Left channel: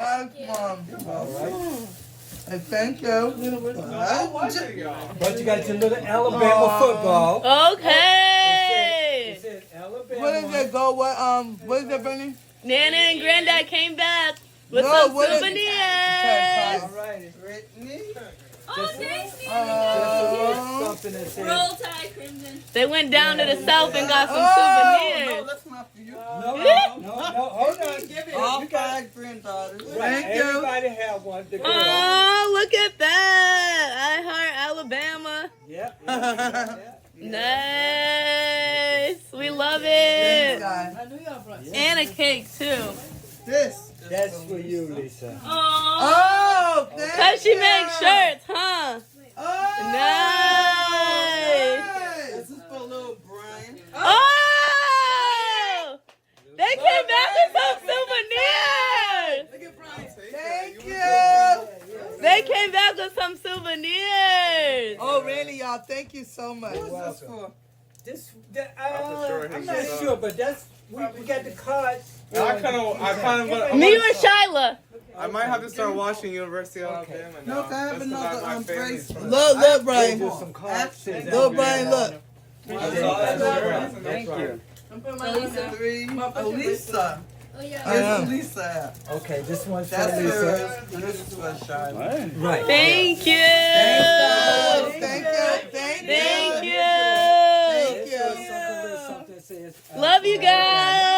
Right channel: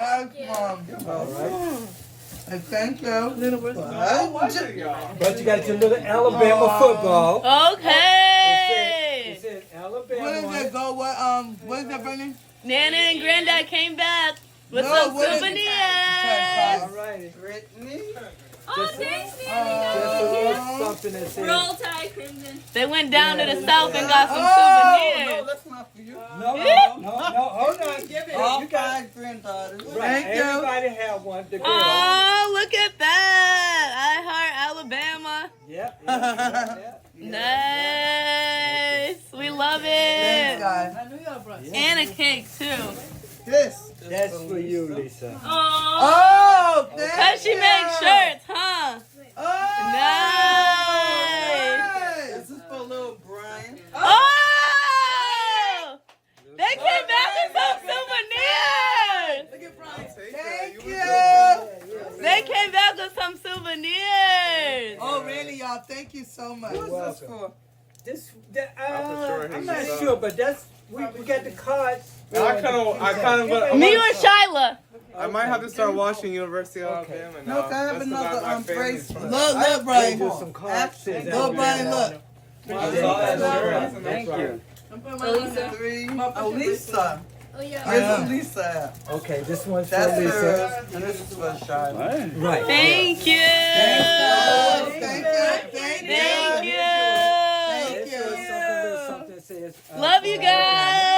Nice one. And thank you. But you got your little Alabama football. Okay. It says Alabama. What is it? Go what? What is that, Bernie? Nana and Granddad came back with No, some what is it? souvenirs. All right. Brittany. Oh, thanks, Just Nana. something that says. Roll Tide Crimson. They went down to the south and got some No, souvenirs. that's not for you. No, hold on. Give it. All You got 5 granddaughters. Thank you. Everybody have one. The girl. Oh, look at that. I Heart Alabama. Yep. Nice. We love Thanks, it. guys. And a cake, too. That's for you, Lisa. Oh. Oh, thank Cause she you. makes shirts, huh? Oh, Nice. This is for little Brian. Oh! They came back with some souvenirs. Thank you. They came back with some souvenirs. Oh, really, y'all? Thank you so much. Who's this for? I'm not sure, but that's we got the cards. I kind of, Me or Shyla? I might have to start watching University of Alabama now. No, can I have That's another about my bracelet? family. Look, Brian. Do some cards. Look, Brian, look. Thank you. Elisa. 3. Oh, Lisa. Oh, yeah. Where's Lisa at? Okay, this one's for That's Lisa. hers. And this is for Shine. Right. Thank you. Thank you. Thank you. Thank you. Thank you. Something says, Love you guys.